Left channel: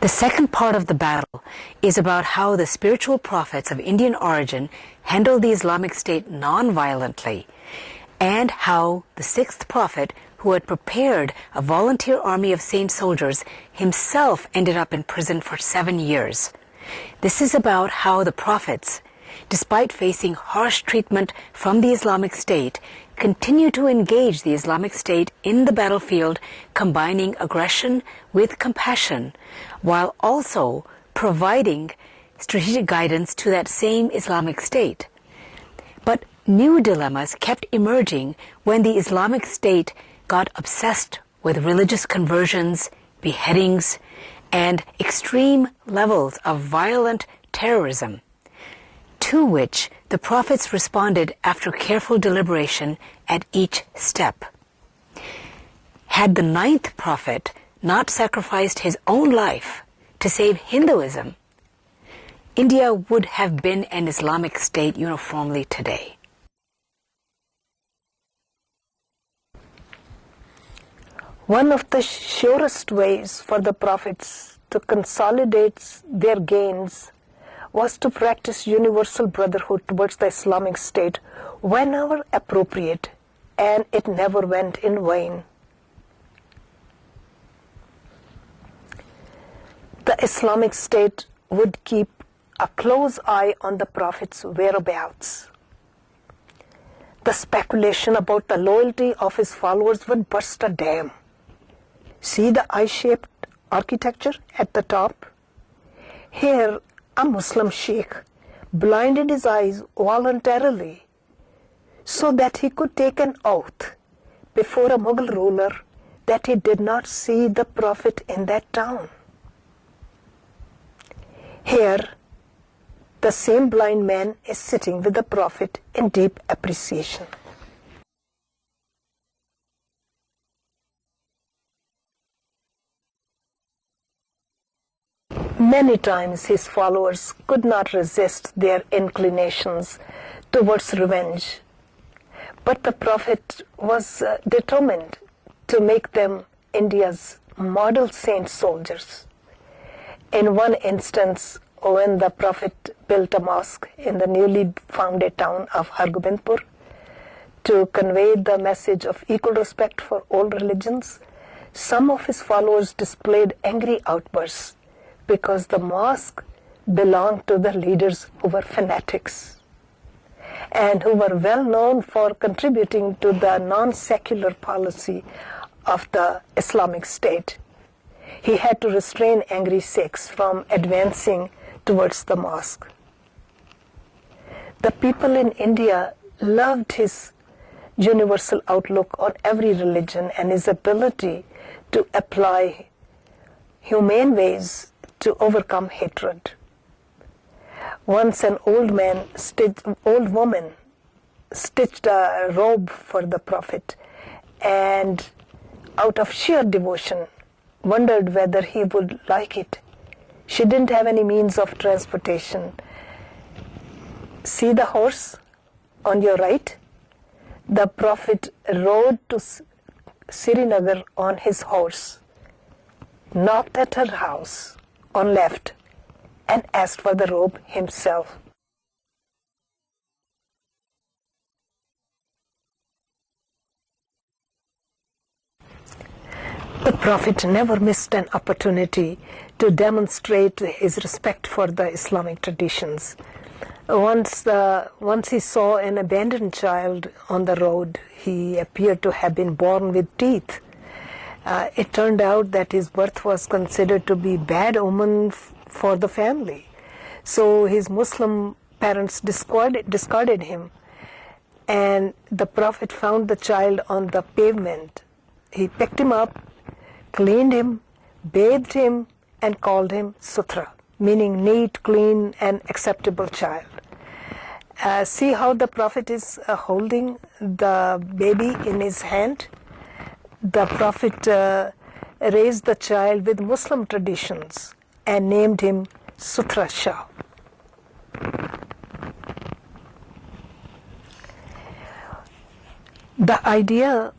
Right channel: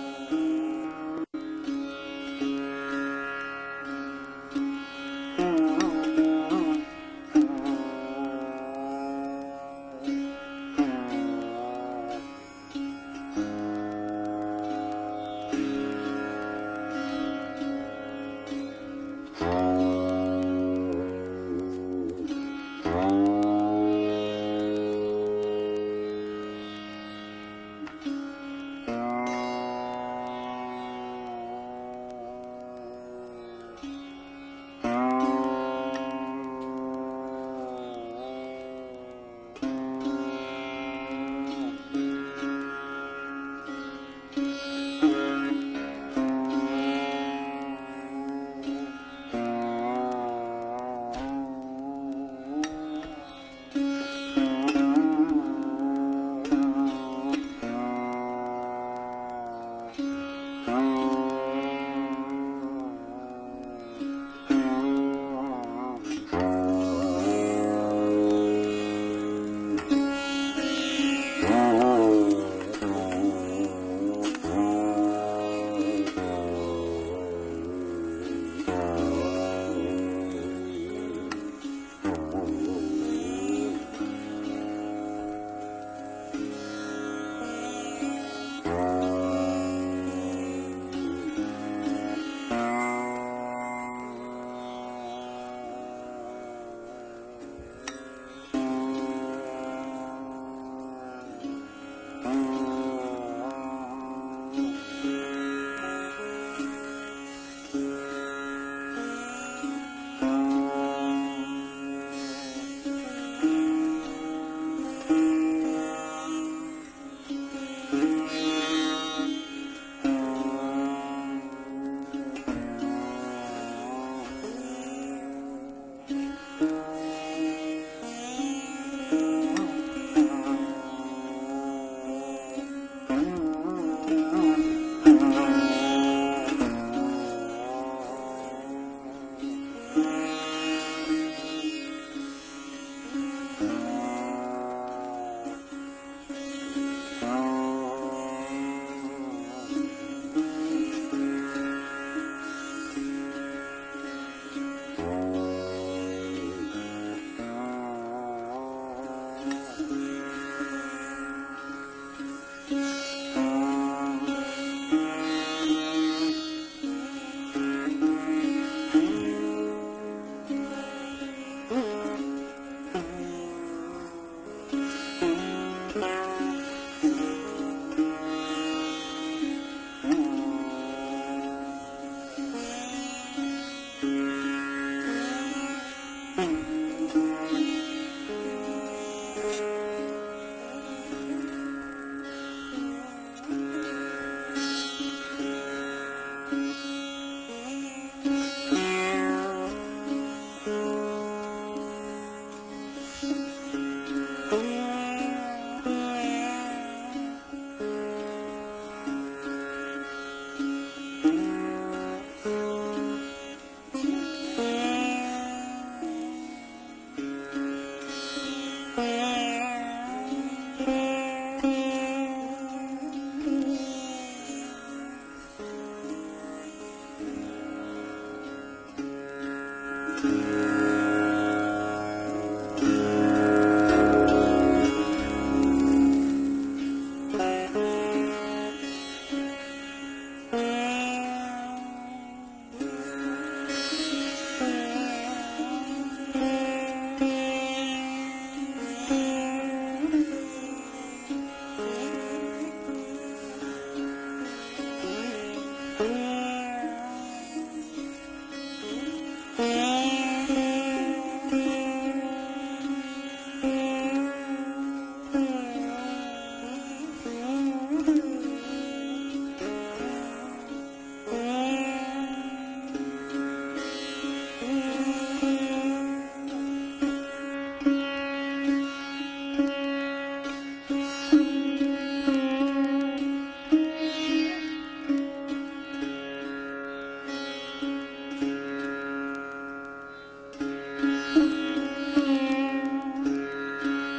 The second part of the battle is about how the spiritual prophets of Indian origin handled the Islamic State non-violently, and how the sixth prophet, who had prepared a volunteer army of saint soldiers, himself ended up in prison for 7 years. This is about how the prophets, despite facing harsh treatment from the Islamic State, continue to engage the Islamic State in the battlefield, combining aggression with compassion, while also providing strategic guidance to that same Islamic State. But new dilemmas kept emerging when the Islamic State got obsessed with religious conversions, beheadings, and extreme levels of violent terrorism, to which the prophets responded after careful deliberation at each step. Had the ninth prophet not sacrificed his own life to save Hinduism, India would have been an Islamic State uniformly today. One of the surest ways for the prophets to consolidate their gains was to practice universal brotherhood towards the Islamic State whenever appropriate, and it never went in vain. The Islamic State would keep a close eye on the Prophet's whereabouts. The speculation about the loyalty of his followers would burst a dam. See the eye-shaped architecture at the top? Here, a Muslim sheikh blinded his eyes voluntarily so that he could take an oath before a Mughal ruler that he did not see the Prophet in that town. Here, the same blind man is sitting with the Prophet in deep appreciation. Many times his followers could not resist their inclinations towards revenge, but the Prophet was determined to make them India's model saint soldiers. In one instance, when the Prophet built a mosque in the newly founded town of Hargobindpur to convey the message of equal respect for all religions, some of his followers displayed angry outbursts because the mosque belonged to the leaders who were fanatics and who were well known for contributing to the non-secular policy of the Islamic State. He had to restrain angry Sikhs from advancing towards the mosque. The people in India loved his universal outlook on every religion and his ability to apply humane ways to overcome hatred. Once an old woman stitched a robe for the Prophet and out of sheer devotion wondered whether he would like it. She didn't have any means of transportation. See the horse on your right? The Prophet rode to Srinagar on his horse, knocked at her house on left, and asked for the robe himself. The Prophet never missed an opportunity to demonstrate his respect for the Islamic traditions. Once he saw an abandoned child on the road, he appeared to have been born with teeth. It turned out that his birth was considered to be bad omen for the family. So his Muslim parents discarded him, and the Prophet found the child on the pavement. He picked him up, cleaned him, bathed him, and called him Sutra, meaning neat, clean, and acceptable child. See how the Prophet is holding the baby in his hand? The Prophet raised the child with Muslim traditions and named him Sutra Shah. The idea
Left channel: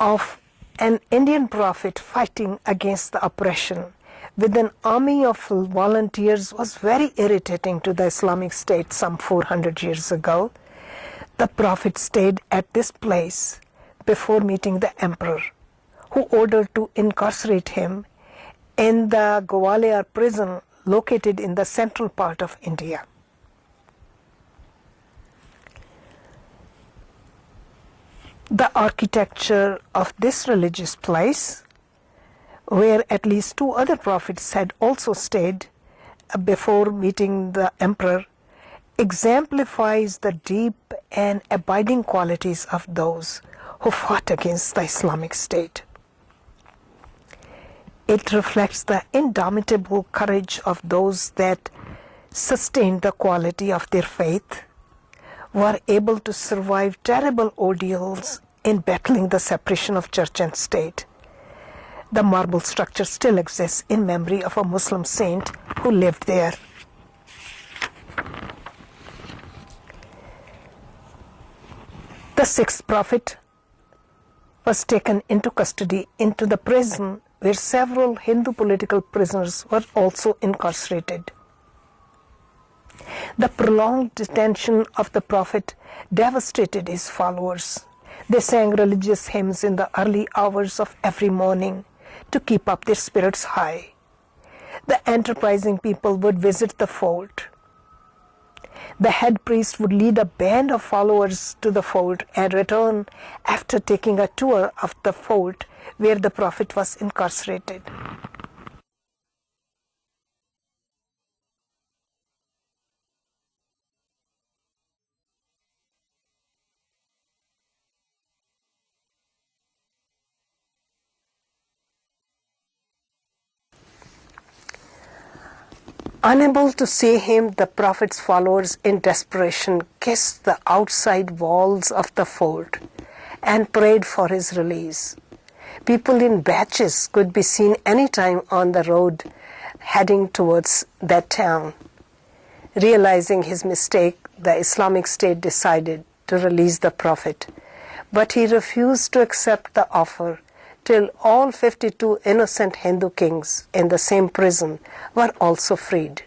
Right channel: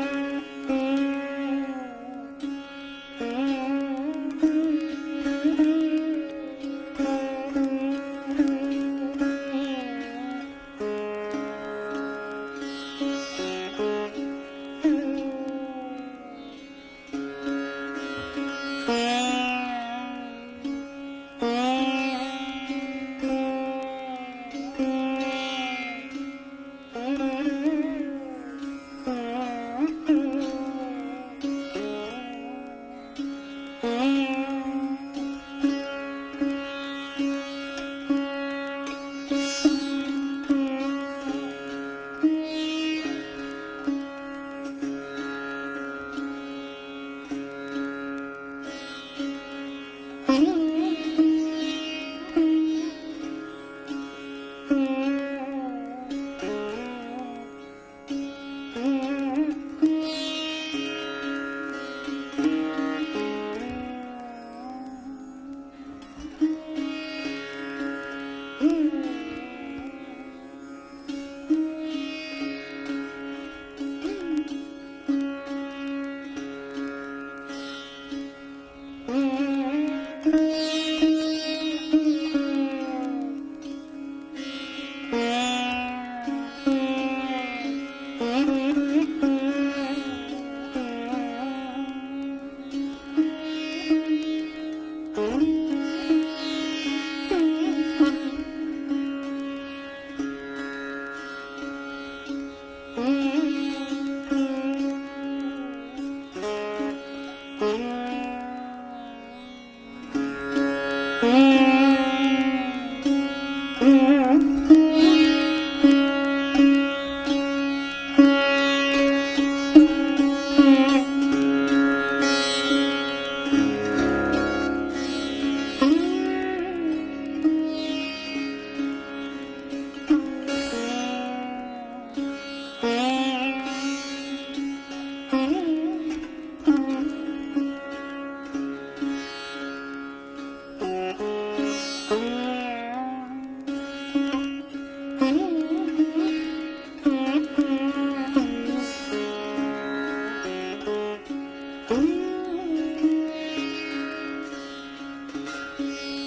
of an Indian prophet fighting against the oppression with an army of volunteers was very irritating to the Islamic State some 400 years ago. The Prophet stayed at this place before meeting the emperor, who ordered to incarcerate him in the Gwalior prison located in the central part of India. The architecture of this religious place, where at least 2 other prophets had also stayed before meeting the emperor, exemplifies the deep and abiding qualities of those who fought against the Islamic State. It reflects the indomitable courage of those that sustained the quality of their faith, were able to survive terrible ordeals in battling the separation of church and state. The marble structure still exists in memory of a Muslim saint who lived there. The 6th prophet was taken into custody into the prison where several Hindu political prisoners were also incarcerated. The prolonged detention of the prophet devastated his followers. They sang religious hymns in the early hours of every morning to keep up their spirits high. The enterprising people would visit the fort. The head priest would lead a band of followers to the fort and return after taking a tour of the fort where the prophet was incarcerated. Unable to see him, the prophet's followers in desperation kissed the outside walls of the fort and prayed for his release. People in batches could be seen anytime on the road heading towards that town. Realizing his mistake, the Islamic State decided to release the prophet, but he refused to accept the offer till all 52 innocent Hindu kings in the same prison were also freed.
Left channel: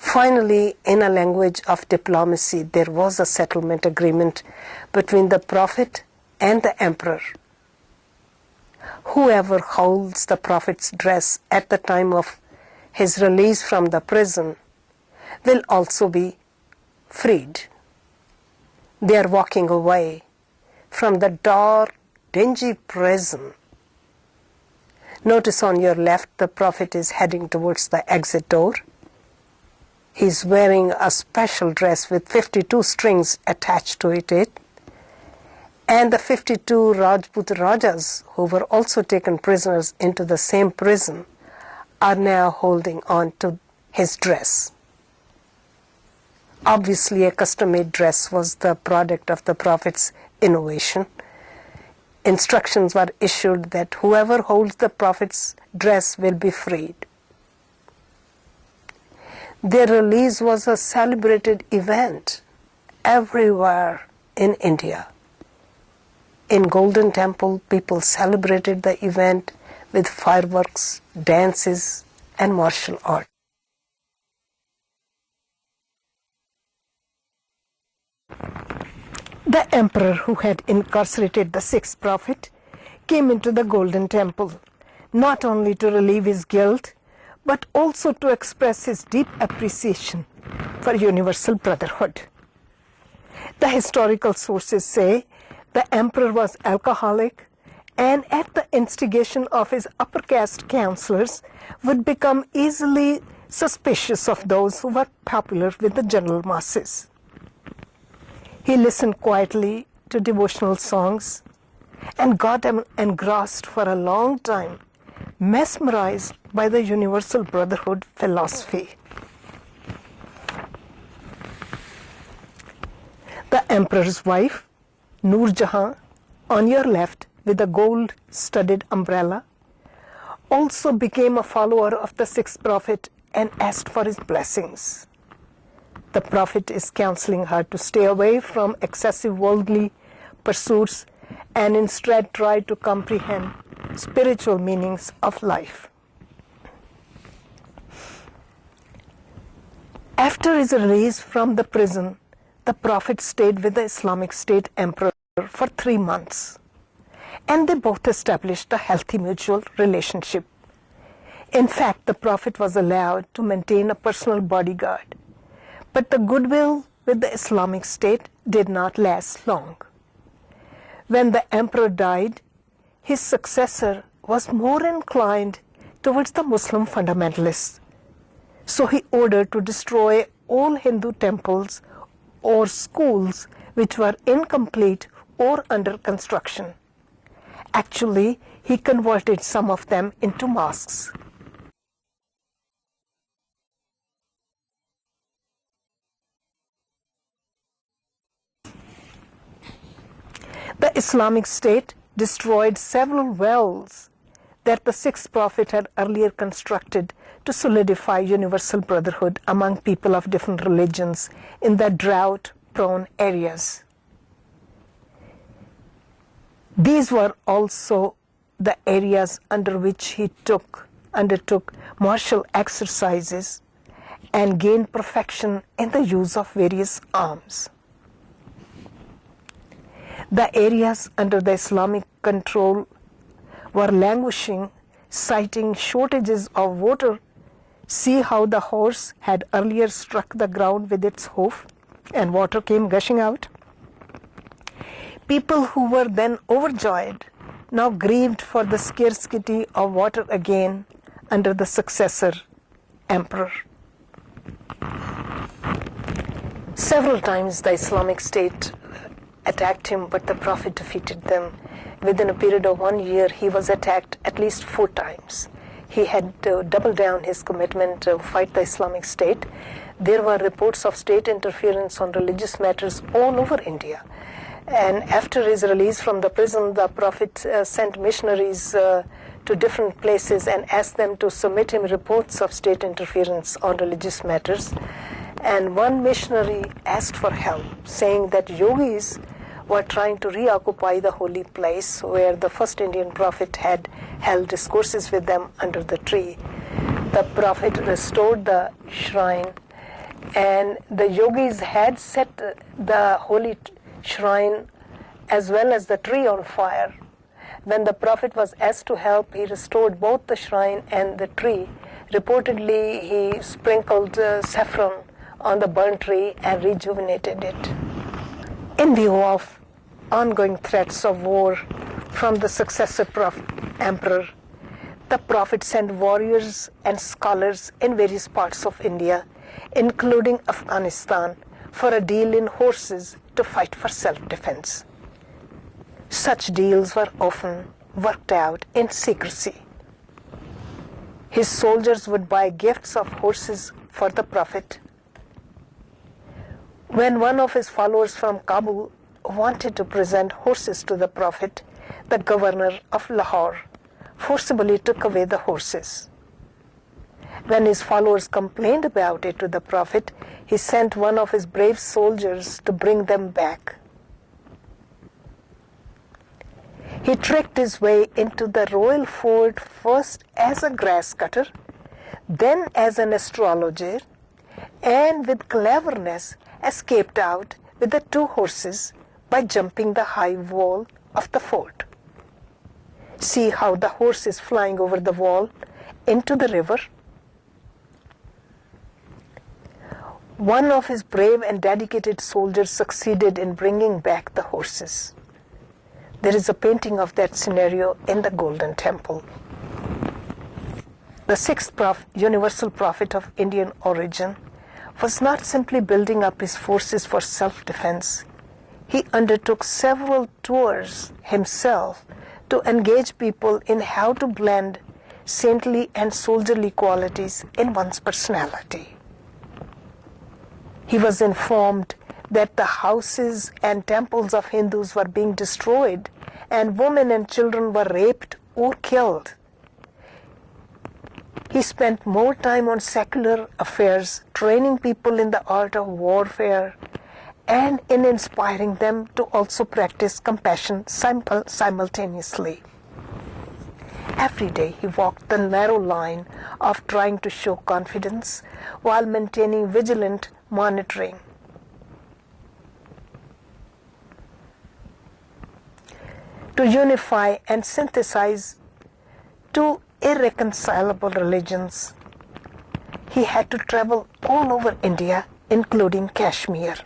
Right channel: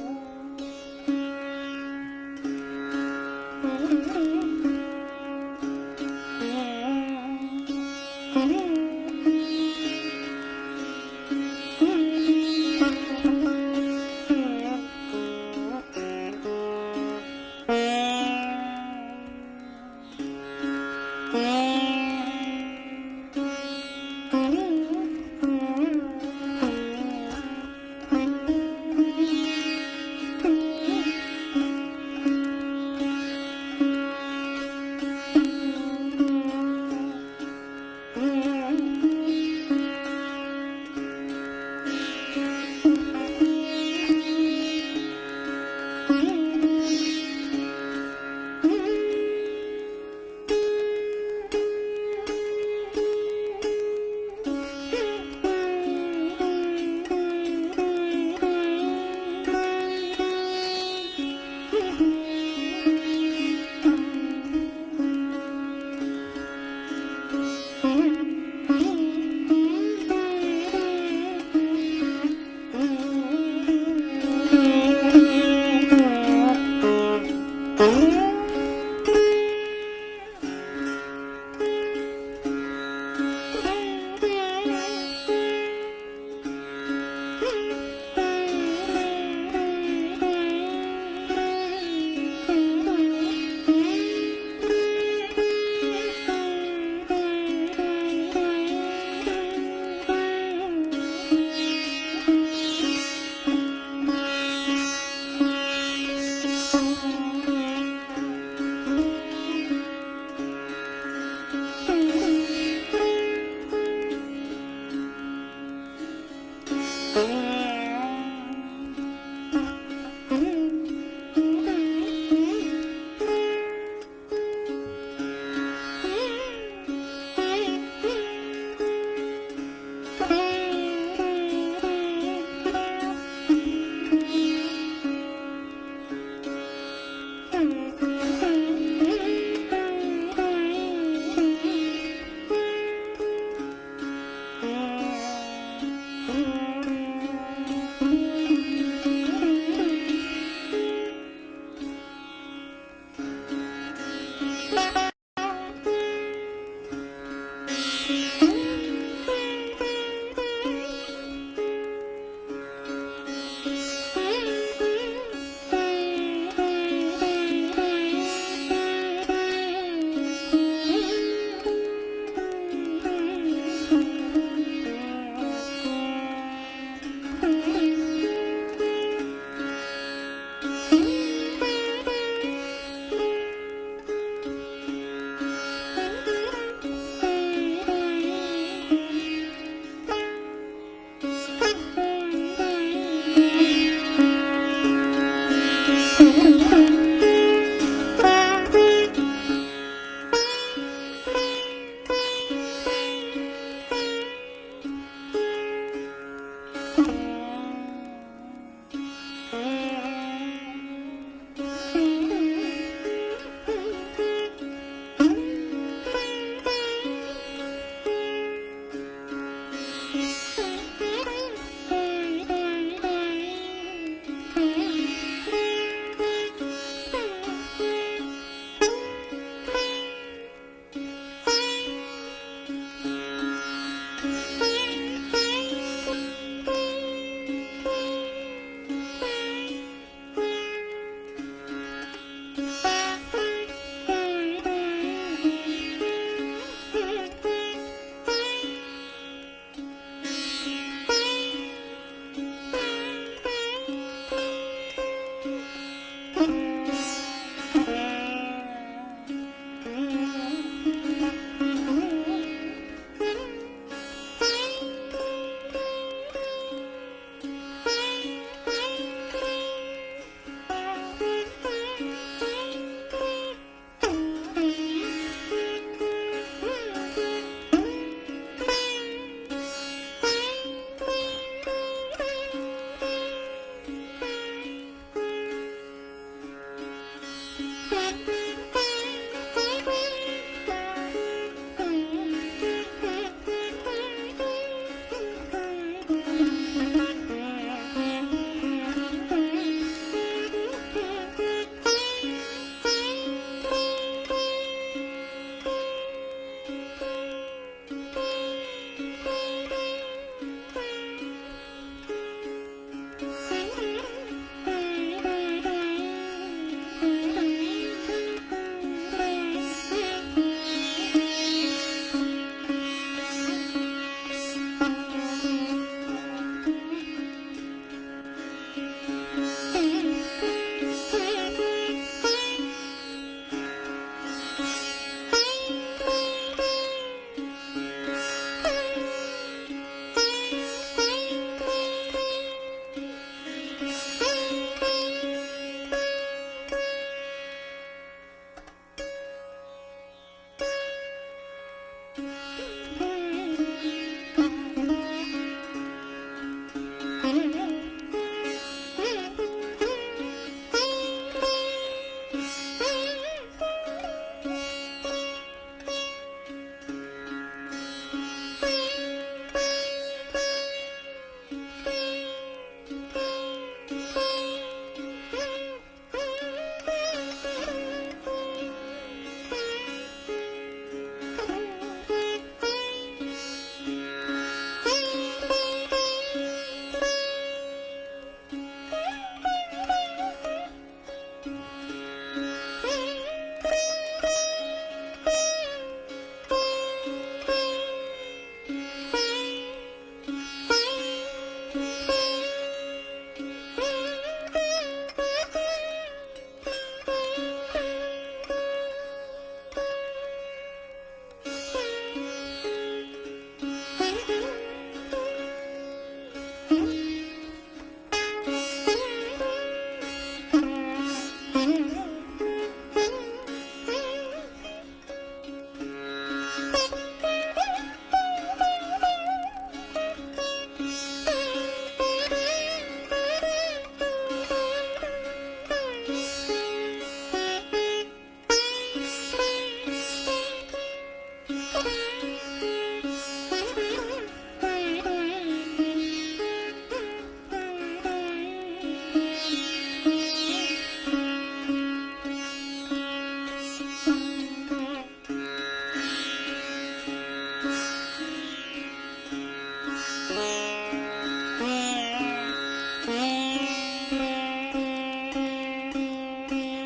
Finally, in a language of diplomacy, there was a settlement agreement between the prophet and the emperor. Whoever holds the prophet's dress at the time of his release from the prison will also be freed. They are walking away from the dark, dingy prison. Notice on your left, the prophet is heading towards the exit door. He's wearing a special dress with 52 strings attached to it. And the 52 Rajput Rajas, who were also taken prisoners into the same prison, are now holding on to his dress. Obviously, a custom-made dress was the product of the prophet's innovation. Instructions were issued that whoever holds the prophet's dress will be freed. Their release was a celebrated event everywhere in India. In Golden Temple, people celebrated the event with fireworks, dances, and martial art. The emperor who had incarcerated the 6th prophet came into the Golden Temple, not only to relieve his guilt, but also to express his deep appreciation for universal brotherhood. The historical sources say the emperor was alcoholic and at the instigation of his upper caste counselors would become easily suspicious of those who were popular with the general masses. He listened quietly to devotional songs and got engrossed for a long time, mesmerized by the universal brotherhood philosophy. The emperor's wife, Noor Jahan, on your left with a gold-studded umbrella, also became a follower of the 6th prophet and asked for his blessings. The prophet is counseling her to stay away from excessive worldly pursuits and instead try to comprehend spiritual meanings of life. After his release from the prison, the Prophet stayed with the Islamic State Emperor for 3 months, and they both established a healthy mutual relationship. In fact, the Prophet was allowed to maintain a personal bodyguard, but the goodwill with the Islamic State did not last long. When the emperor died, his successor was more inclined towards the Muslim fundamentalists. So he ordered to destroy all Hindu temples or schools which were incomplete or under construction. Actually, he converted some of them into mosques. The Islamic State destroyed several wells that the Sikh Prophet had earlier constructed to solidify universal brotherhood among people of different religions in the drought-prone areas. These were also the areas under which he undertook martial exercises and gained perfection in the use of various arms. The areas under the Islamic control were languishing, citing shortages of water. See how the horse had earlier struck the ground with its hoof and water came gushing out? People who were then overjoyed now grieved for the scarcity of water again under the successor emperor. Several times the Islamic State attacked him, but the Prophet defeated them. Within a period of 1 year, he was attacked at least 4 times. He had doubled down his commitment to fight the Islamic State. There were reports of state interference on religious matters all over India. And after his release from the prison, the Prophet sent missionaries to different places and asked them to submit him reports of state interference on religious matters. And one missionary asked for help, saying that yogis were trying to reoccupy the holy place where the first Indian prophet had held discourses with them under the tree. The Prophet restored the shrine, and the yogis had set the holy shrine as well as the tree on fire. When the Prophet was asked to help, he restored both the shrine and the tree. Reportedly, he sprinkled saffron on the burnt tree and rejuvenated it. In view of ongoing threats of war from the successor emperor, the Prophet sent warriors and scholars in various parts of India, including Afghanistan, for a deal in horses to fight for self-defense. Such deals were often worked out in secrecy. His soldiers would buy gifts of horses for the Prophet. When one of his followers from Kabul wanted to present horses to the Prophet, the governor of Lahore forcibly took away the horses. When his followers complained about it to the Prophet, he sent one of his brave soldiers to bring them back. He tricked his way into the royal fort first as a grass cutter, then as an astrologer, and with cleverness escaped out with the 2 horses by jumping the high wall of the fort. See how the horse is flying over the wall into the river? One of his brave and dedicated soldiers succeeded in bringing back the horses. There is a painting of that scenario in the Golden Temple. The 6th universal prophet of Indian origin was not simply building up his forces for self-defense. He undertook several tours himself to engage people in how to blend saintly and soldierly qualities in one's personality. He was informed that the houses and temples of Hindus were being destroyed and women and children were raped or killed. He spent more time on secular affairs, training people in the art of warfare, and in inspiring them to also practice compassion simultaneously. Every day he walked the narrow line of trying to show confidence while maintaining vigilant monitoring. To unify and synthesize two irreconcilable religions, he had to travel all over India, including Kashmir.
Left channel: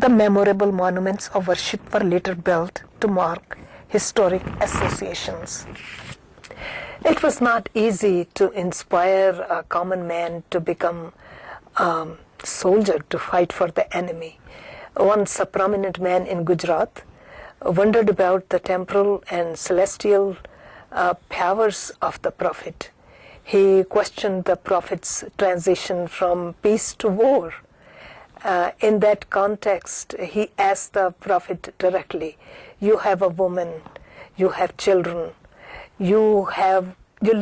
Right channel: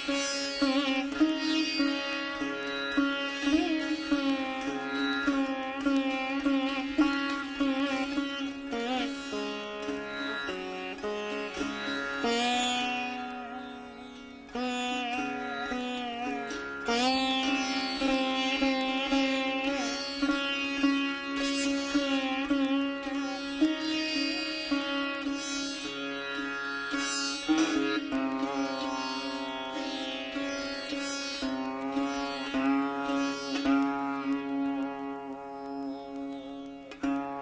The memorable monuments of worship were later built to mark historic associations. It was not easy to inspire a common man to become a soldier to fight for the enemy. Once a prominent man in Gujarat wondered about the temporal and celestial powers of the Prophet. He questioned the Prophet's transition from peace to war. In that context, he asked the Prophet directly, "You have a woman, you have children, you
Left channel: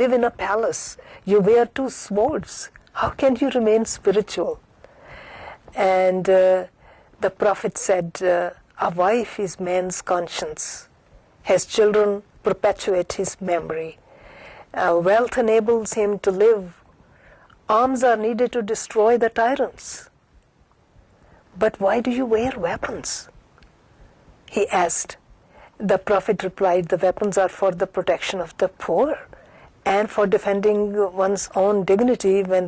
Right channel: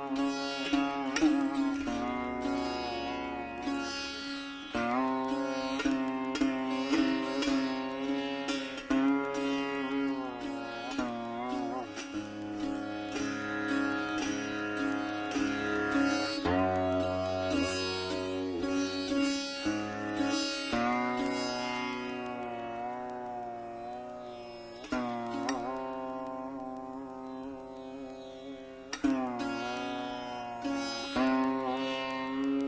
live in a palace, you wear two swords. How can you remain spiritual?" And the Prophet said, "A wife is man's conscience. His children perpetuate his memory. Wealth enables him to live. Arms are needed to destroy the tyrants. But why do you wear weapons?" he asked. The Prophet replied, "The weapons are for the protection of the poor and for defending one's own dignity when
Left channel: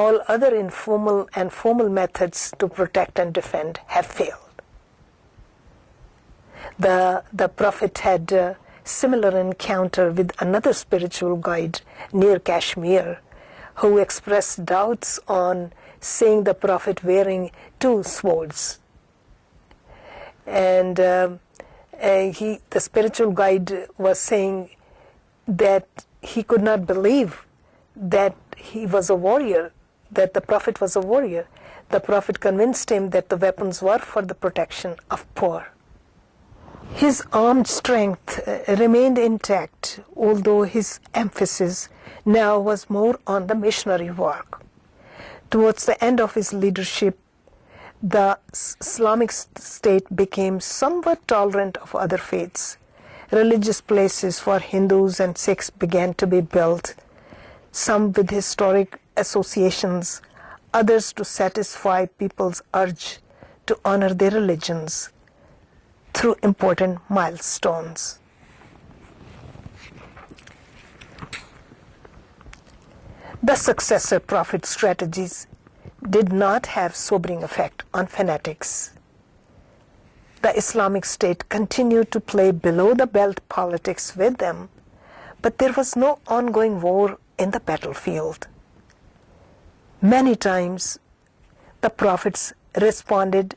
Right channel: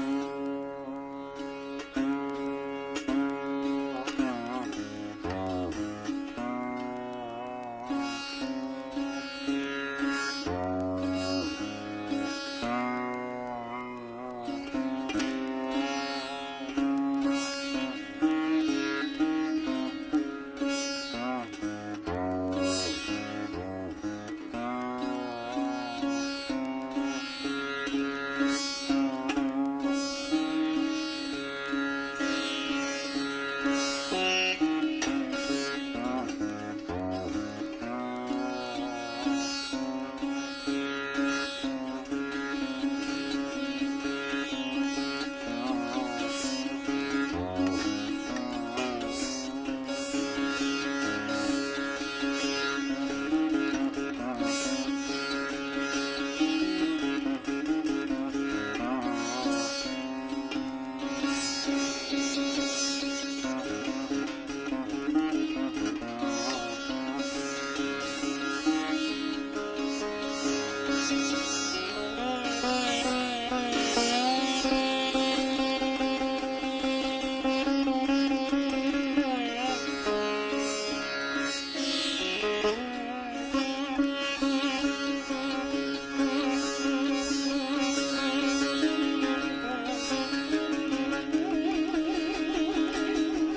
all other informal and formal methods to protect and defend have failed." The Prophet had a similar encounter with another spiritual guide near Kashmir who expressed doubts on seeing the Prophet wearing two swords. And the spiritual guide was saying that he could not believe that he was a warrior, that the Prophet was a warrior. The Prophet convinced him that the weapons were for the protection of poor. His armed strength remained intact, although his emphasis now was more on the missionary work. Towards the end of his leadership, the Islamic State became somewhat tolerant of other faiths. Religious places for Hindus and Sikhs began to be built, some with historic associations, others to satisfy people's urge to honor their religions through important milestones. The successor prophet strategies did not have sobering effect on fanatics. The Islamic State continued to play below-the-belt politics with them, but there was no ongoing war in the battlefield. Many times, the prophets responded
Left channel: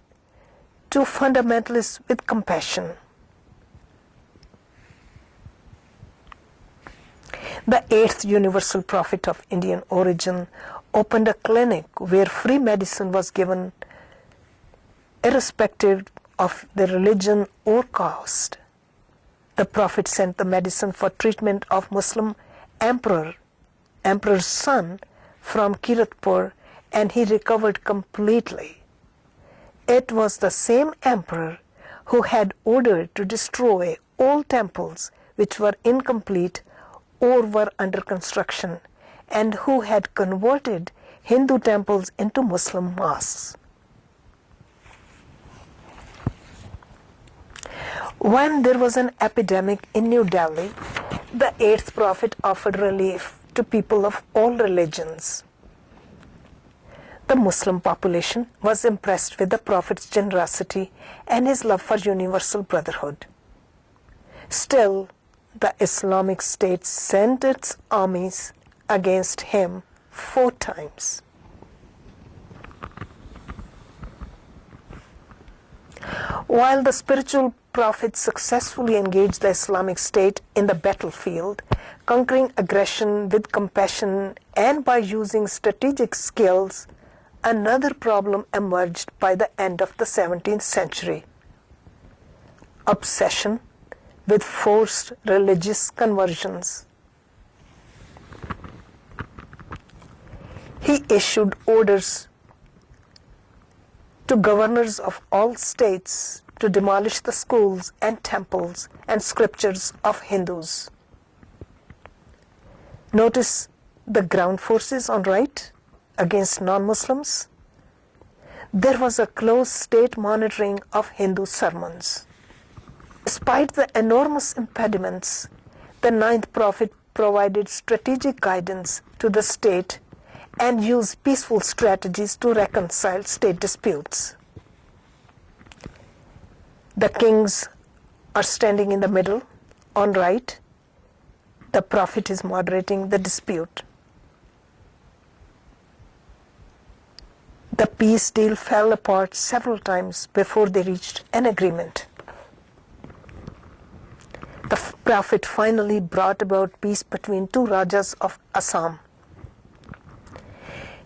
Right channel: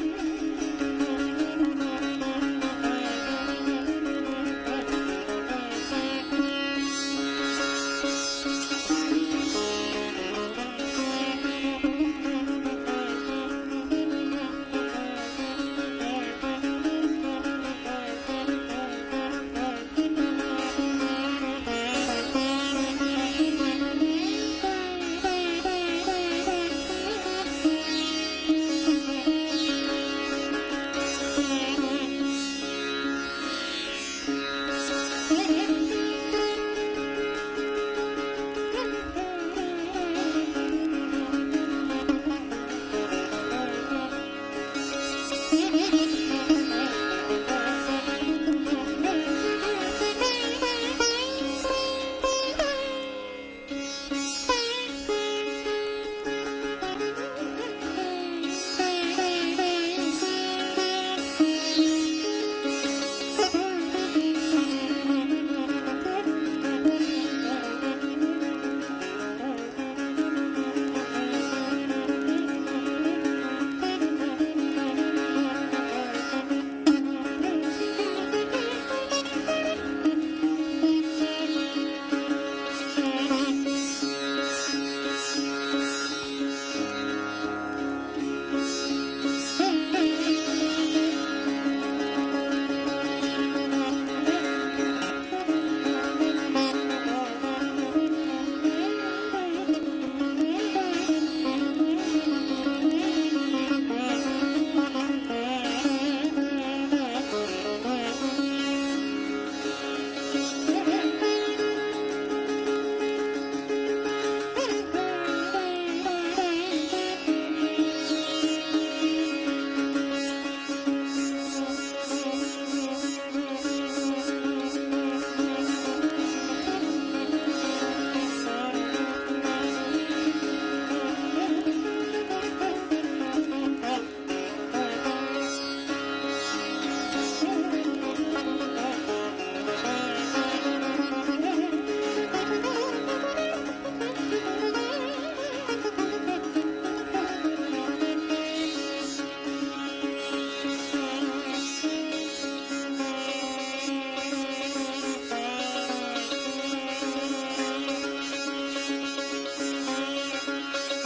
to fundamentalists with compassion. The 8th universal prophet of Indian origin opened a clinic where free medicine was given irrespective of the religion or caste. The Prophet sent the medicine for treatment of Muslim emperor's son from Kiratpur, and he recovered completely. It was the same emperor who had ordered to destroy all temples which were incomplete or were under construction, and who had converted Hindu temples into Muslim mosques. When there was an epidemic in New Delhi, the 8th prophet offered relief to people of all religions. The Muslim population was impressed with the prophet's generosity and his love for universal brotherhood. Still, the Islamic State sent its armies against him 4 times. While the spiritual prophet successfully engaged the Islamic State in the battlefield, conquering aggression with compassion and by using strategic skills, another problem emerged by the end of the 17th century: obsession with forced religious conversions. He issued orders to governors of all states to demolish the schools and temples and scriptures of Hindus. Notice the ground forces on right against non-Muslims. There was a close state monitoring of Hindu sermons. Despite the enormous impediments, the ninth prophet provided strategic guidance to the state and used peaceful strategies to reconcile state disputes. The kings are standing in the middle, on right. The prophet is moderating the dispute. The peace deal fell apart several times before they reached an agreement. The prophet finally brought about peace between two Rajas of Assam.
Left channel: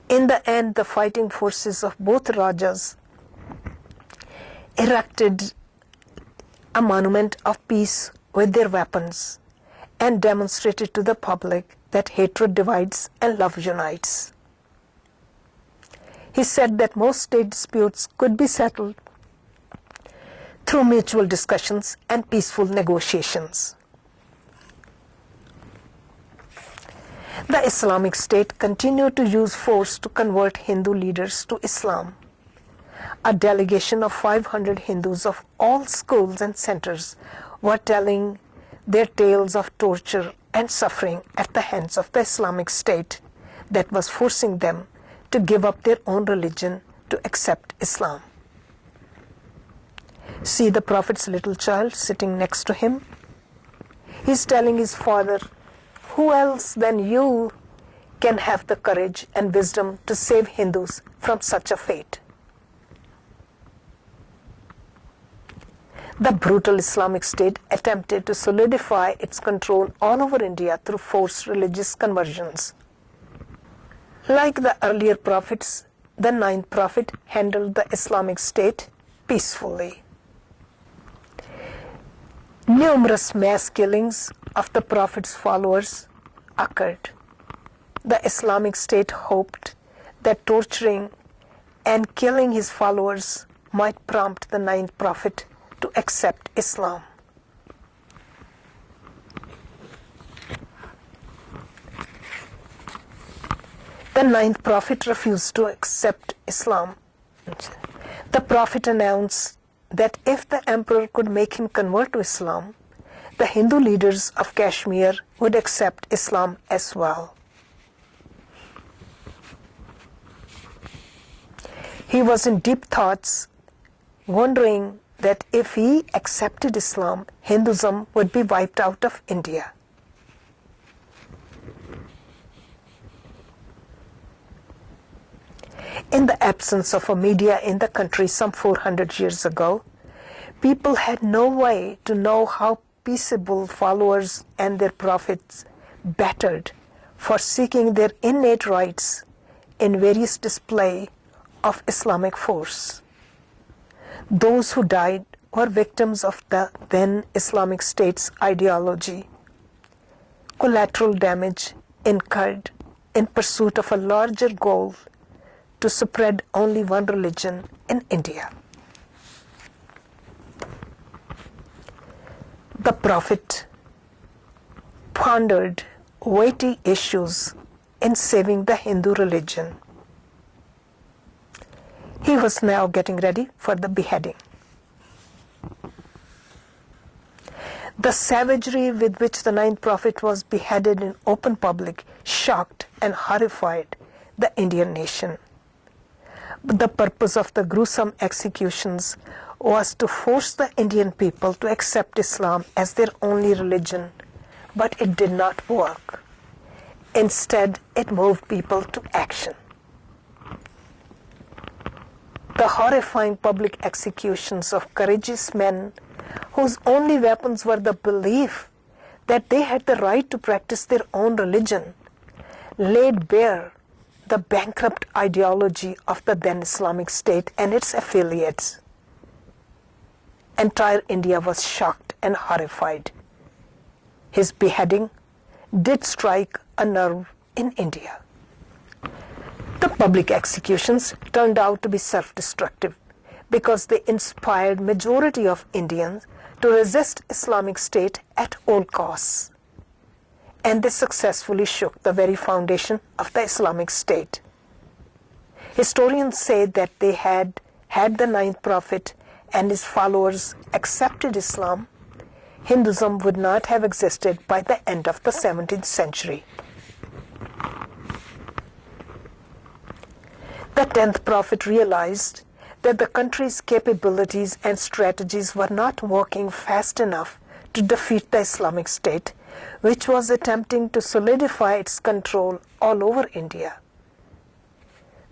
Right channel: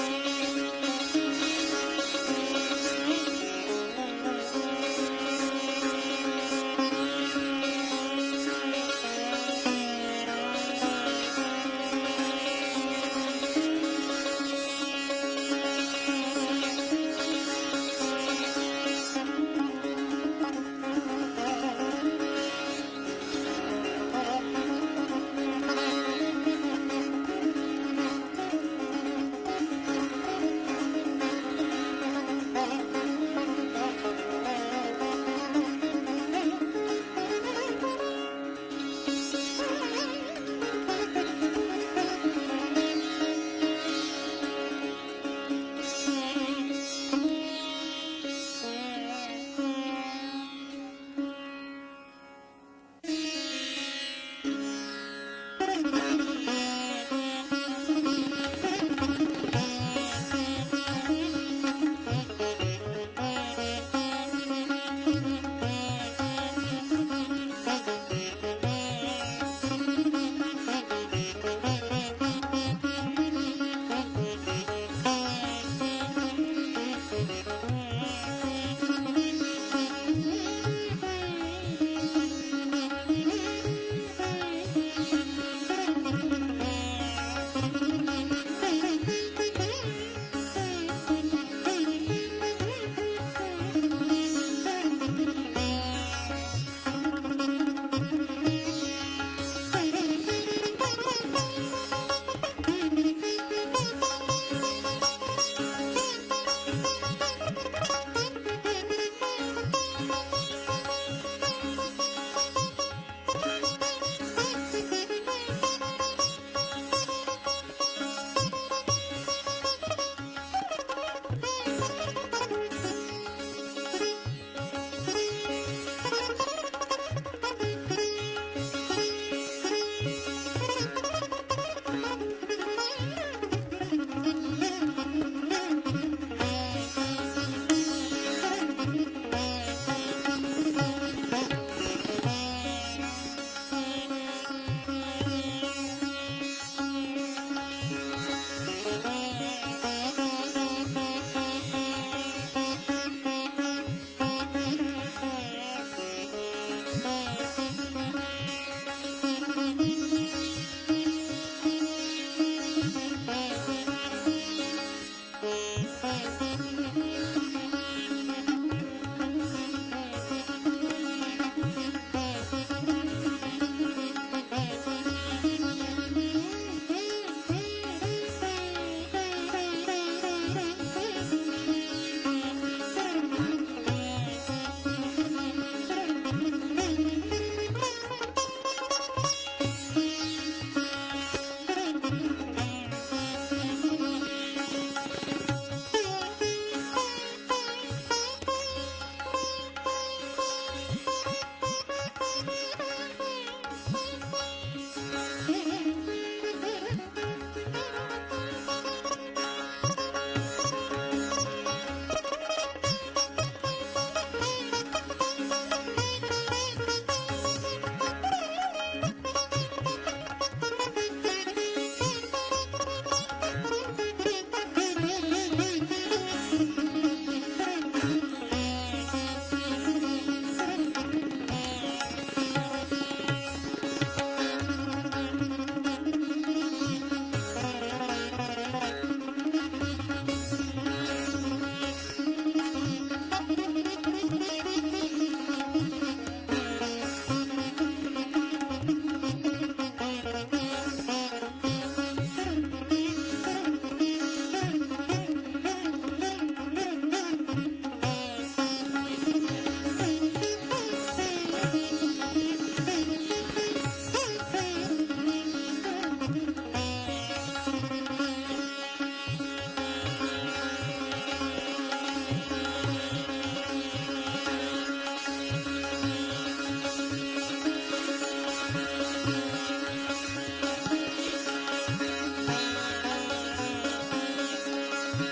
In the end, the fighting forces of both Rajas erected a monument of peace with their weapons and demonstrated to the public that hatred divides and love unites. He said that most state disputes could be settled through mutual discussions and peaceful negotiations. The Islamic State continued to use force to convert Hindu leaders to Islam. A delegation of 500 Hindus of all schools and centers were telling their tales of torture and suffering at the hands of the Islamic State that was forcing them to give up their own religion to accept Islam. See the prophet's little child sitting next to him? He's telling his father, who else than you can have the courage and wisdom to save Hindus from such a fate? The brutal Islamic State attempted to solidify its control all over India through forced religious conversions. Like the earlier prophets, the ninth prophet handled the Islamic State peacefully. Numerous mass killings of the prophet's followers occurred. The Islamic State hoped that torturing and killing his followers might prompt the ninth prophet to accept Islam. The ninth prophet refused to accept Islam. The prophet announced that if the emperor could make him convert to Islam, the Hindu leaders of Kashmir would accept Islam as well. He was in deep thoughts, wondering that if he accepted Islam, Hinduism would be wiped out of India. In the absence of a media in the country some 400 years ago, people had no way to know how peaceable followers and their prophets battled for seeking their innate rights in various display of Islamic force. Those who died were victims of the then Islamic State's ideology. Collateral damage incurred in pursuit of a larger goal to spread only one religion in India. The prophet pondered weighty issues in saving the Hindu religion. He was now getting ready for the beheading. The savagery with which the ninth prophet was beheaded in open public shocked and horrified the Indian nation. The purpose of the gruesome executions was to force the Indian people to accept Islam as their only religion, but it did not work. Instead, it moved people to action. The horrifying public executions of courageous men whose only weapons were the belief that they had the right to practice their own religion laid bare the bankrupt ideology of the then Islamic State and its affiliates. Entire India was shocked and horrified. His beheading did strike a nerve in India. The public executions turned out to be self-destructive because they inspired majority of Indians to resist Islamic State at all costs. And they successfully shook the very foundation of the Islamic State. Historians say that they had the ninth prophet and his followers accepted Islam, Hinduism would not have existed by the end of the 17th century. The 10th prophet realized that the country's capabilities and strategies were not working fast enough to defeat the Islamic State, which was attempting to solidify its control all over India.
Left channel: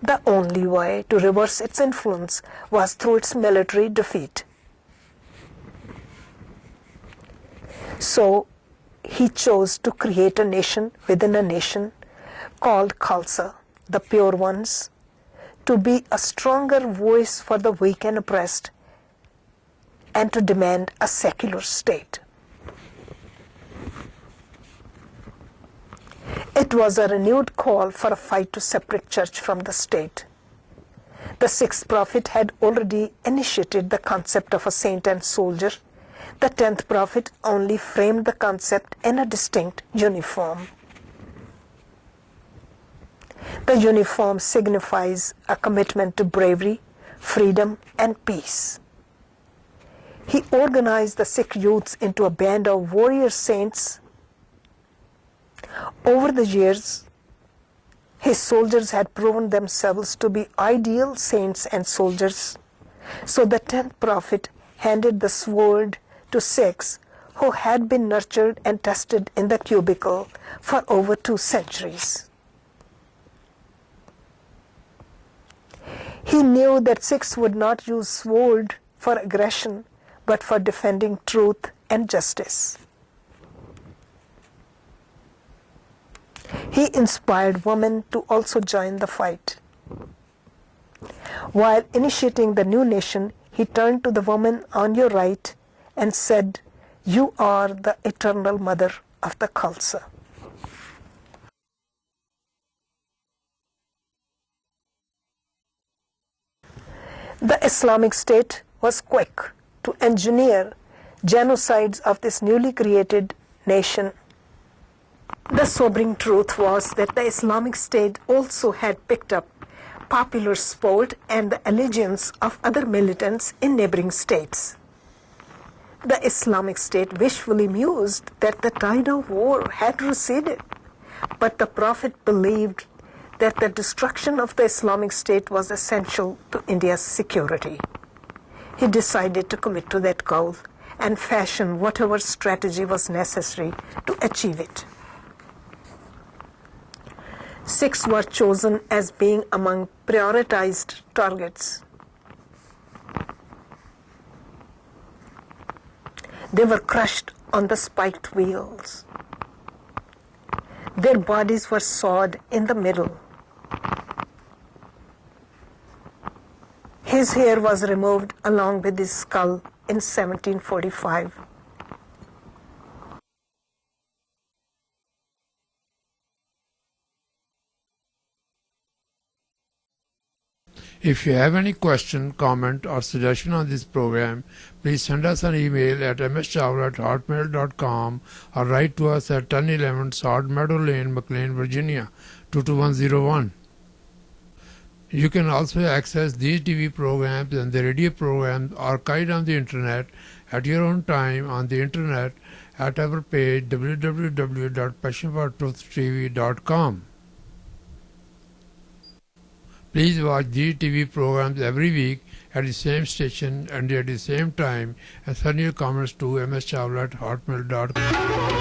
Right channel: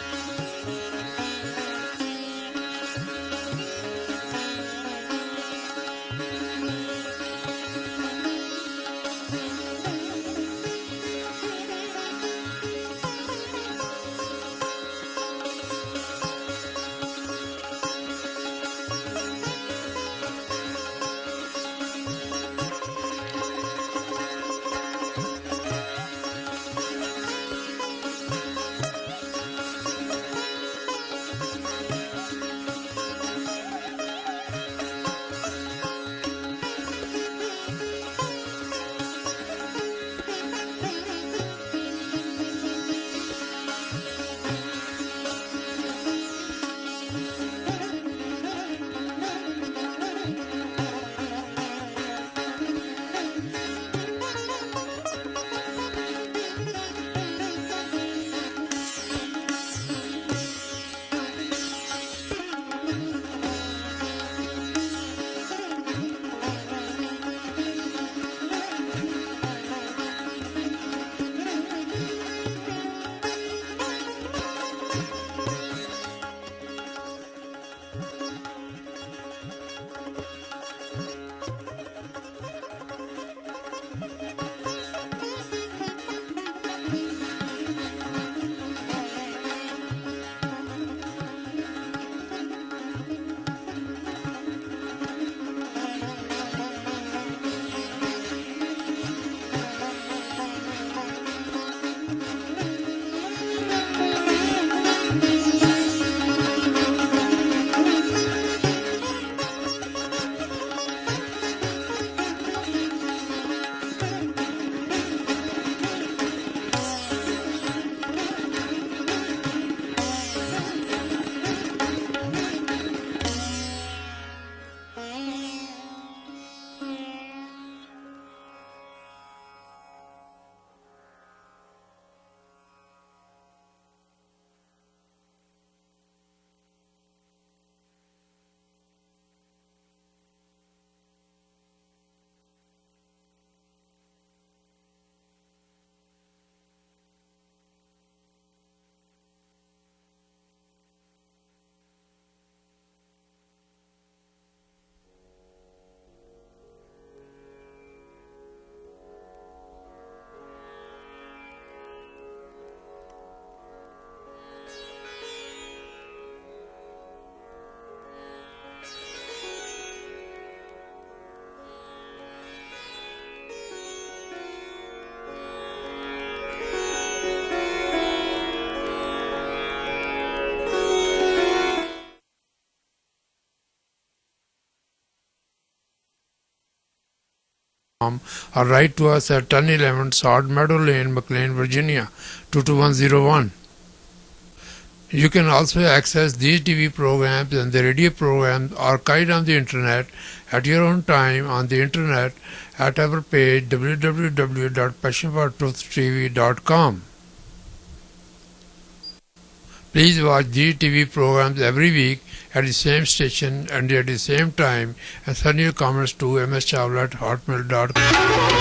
The only way to reverse its influence was through its military defeat. So he chose to create a nation within a nation called Khalsa, the pure ones, to be a stronger voice for the weak and oppressed, and to demand a secular state. It was a renewed call for a fight to separate church from the state. The sixth prophet had already initiated the concept of a saint and soldier. The 10th prophet only framed the concept in a distinct uniform. The uniform signifies a commitment to bravery, freedom, and peace. He organized the Sikh youths into a band of warrior saints. Over the years, his soldiers had proven themselves to be ideal saints and soldiers. So the 10th prophet handed the sword to Sikhs who had been nurtured and tested in the cubicle for over 2 centuries. He knew that Sikhs would not use sword for aggression, but for defending truth and justice. He inspired women to also join the fight. While initiating the new nation, he turned to the woman on your right and said, "You are the eternal mother of the Khalsa." The Islamic State was quick to engineer genocides of this newly created nation. The sobering truth was that the Islamic State also had picked up popular support and the allegiance of other militants in neighboring states. The Islamic State wishfully mused that the tide of war had receded, but the Prophet believed that the destruction of the Islamic State was essential to India's security. He decided to commit to that goal and fashion whatever strategy was necessary to achieve it. Sikhs were chosen as being among prioritized targets. They were crushed on the spiked wheels. Their bodies were sawed in the middle. His hair was removed along with his skull in 1745. If you have any question, comment or suggestion on this program, please send us an email at mschawla@hotmail.com or write to us at 1011 Salt Meadow Lane, McLean, Virginia 22101. You can also access these TV programs and the radio programs archived on the internet at your own time on the internet at our page www.passionfortruthtv.com. Please watch these TV programs every week at the same station and at the same time, and send your comments to mschawla@hotmail.com.